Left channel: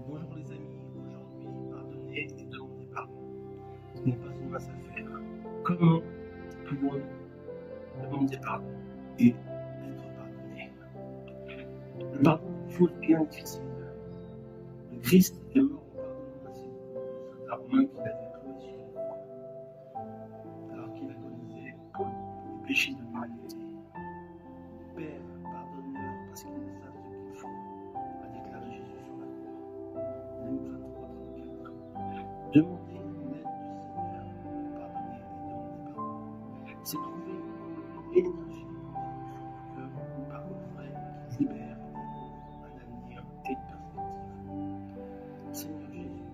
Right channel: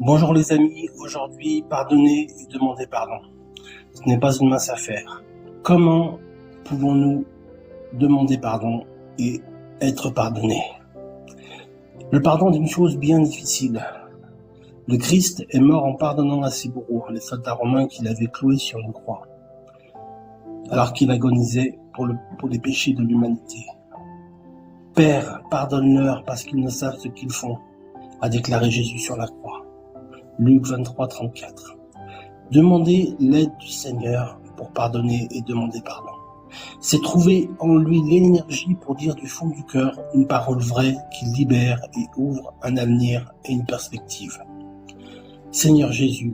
Bonjour les amis, aujourd'hui pardonner et demander pardon. Ce n'est pas une mince affaire. Comment pouvons-nous demander pardon et être pardonnés? Le pardon est une chose bien difficile. Le Christ est mort en pardonnant à ses bourreaux, les soldats romains qu'il avait cloués sur une croix, alors qu'il agonisait pour les péchés de l'humanité. Père, pardonne-leur parce qu'ils ne savent ce qu'ils font, a déclaré Jésus sur la croix. Luc 23, 34. Demander l'aide du Seigneur pour pardonner et demander pardon. C'est trouver en lui l'énergie pour dire du fond du cœur une parole vraie qui libère et ouvre un avenir et une perspective. Seigneur Jésus,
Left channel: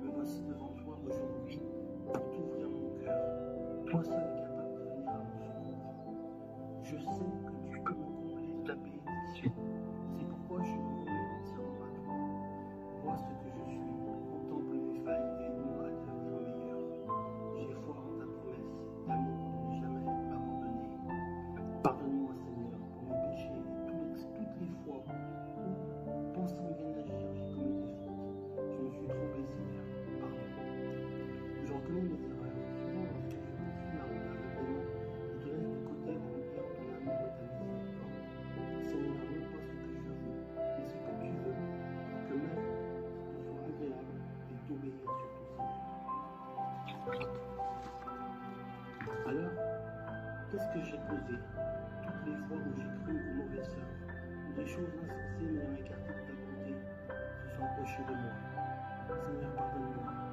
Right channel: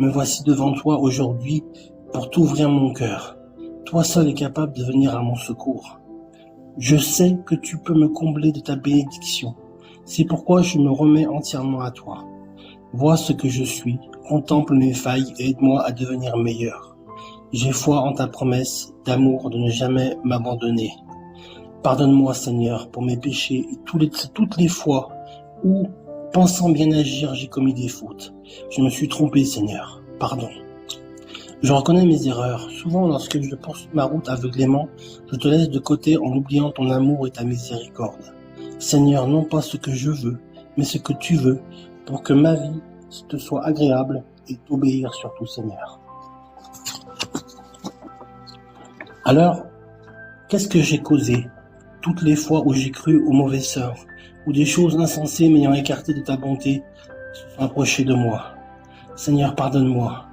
me voici devant toi aujourd'hui pour t'ouvrir mon cœur. Toi seul es capable de venir à mon secours. Je sais que tu peux me combler de ta bénédiction. C'est pourquoi je me remets entièrement à toi. Vois ce que je suis, contemple mes failles et aide-moi à devenir meilleur. J'ai foi en ta promesse d'amour de ne jamais m'abandonner. Pardonne-moi Seigneur pour mes péchés et toutes les fois où, pensant bien agir, j'ai commis des fautes. Je me suis trompé Seigneur, pardon. Je reconnais mes erreurs. Souvent lorsque je poursuis ma route aveuglément, je te laisse de côté en oubliant ton amour et ta miséricorde. Seigneur, non pas ce que je veux, mais ce que tu veux, pour que ma vie te soit agréable et t'obéir surtout, Seigneur. Alors, qu'est-ce que j'ai causé toutes les fois où j'ai cru aux mauvaises sœurs, où des choses insensées m'ayant écarté de ta bonté se sont approchées de moi? Seigneur, pardonne-moi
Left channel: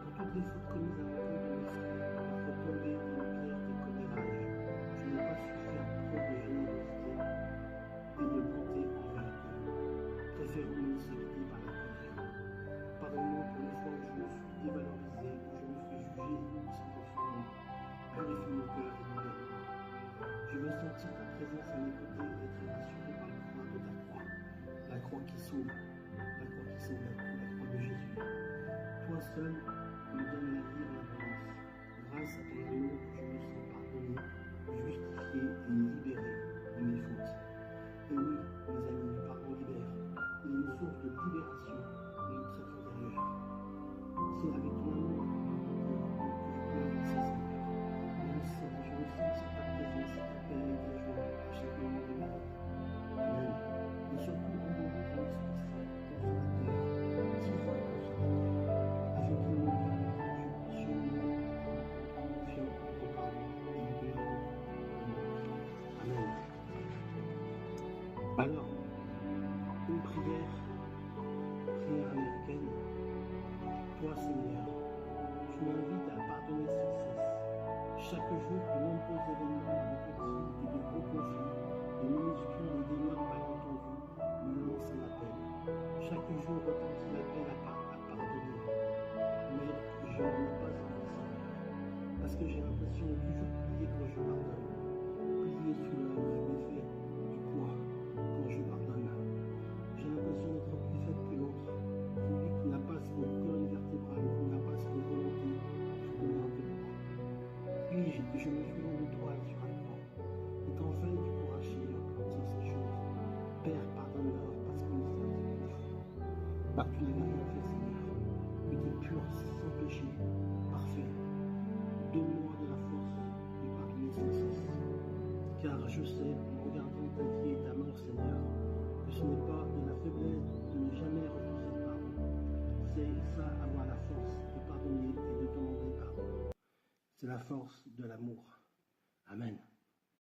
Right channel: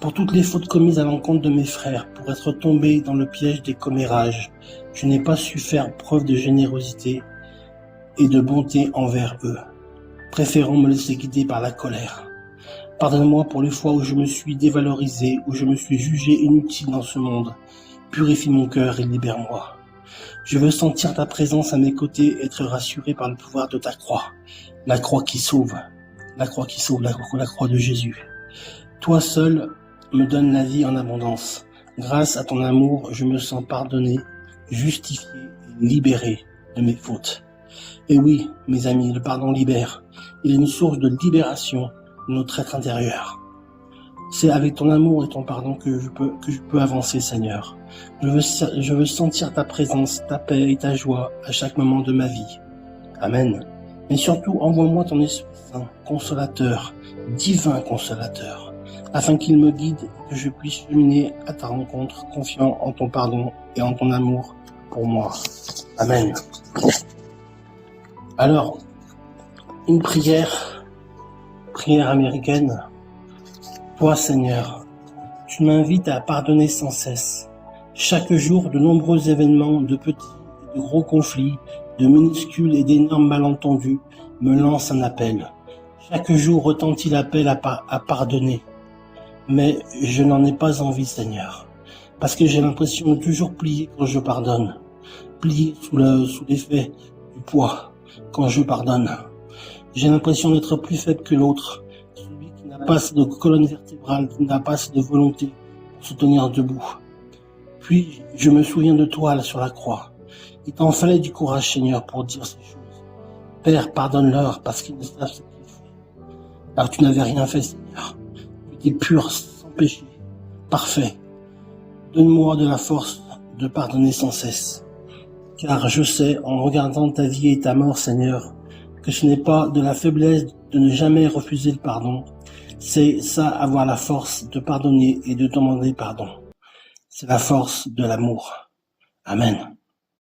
pour toutes les fautes commises à l'encontre de mes frères, pour être tombé dans le piège des commérages. Je n'ai pas su faire preuve de générosité et de bonté envers eux, préférant me laisser guider par la colère. Pardonne-moi pour les fois où je me suis dévalorisé, où je me suis jugé inutile dans ce monde. Purifie mon cœur et libère-moi. Je veux sentir ta présence à mes côtés, être rassuré par le pouvoir de ta croix. La croix qui sauve, la croix qui sauve, la croix de Jésus. Toi seul me donne la vie en abondance. Grâce à ton amour, je me sens pardonné, justifié et libéré de mes fautes. Et oui, mes amis, le pardon libère. Il est une source de libération de notre être intérieur. C'est avec ton amour et ton pardon que je peux avancer, Seigneur. Je veux sentir ta présence, ta paix et ta joie à chaque moment de ma vie. Amen. Mais surtout, envoie-moi ton Esprit Saint, consolateur, divin consolateur, afin qu'il me guide et que je puisse cheminer à ta rencontre, confiant en ton pardon et en ton amour pour moi. Amen. Alors, une prière américaine. Toi, Seigneur, tu m'invites à pardonner sans cesse. Chaque jour, de nombreux événements, de petits et de gros conflits, de minuscules et d'énormes malentendus, me lancent un appel. Chaque jour retentit l'appel à pardonner. Mais je n'en ai pas envie, Seigneur, parce que j'ai l'impression de toujours plier quand je pardonne, plier sous l'effet du poids quand je pardonne. J'ai l'impression d'être plus faible que l'autre, celui qui n'a pas assez de colonne vertébrale, qui n'a pas assez de volonté pour se tenir debout. Puis je me souviens de toi sur la croix. Il t'en fallait du courage, Seigneur, pour dire ces choses. Père, pardonne-leur parce qu'ils ne savent ce qu'ils font. Alors tu n'avais rien fait, Seigneur. Tu étais pur, sans péché, parfait. Donne-moi de la force de pardonner sans cesse. Car je sais, en regardant ta vie et ta mort, Seigneur, que ce n'est pas de la faiblesse de ne jamais refuser le pardon. C'est ça, avoir la force de pardonner et de demander pardon. C'est la force de l'amour. Amen.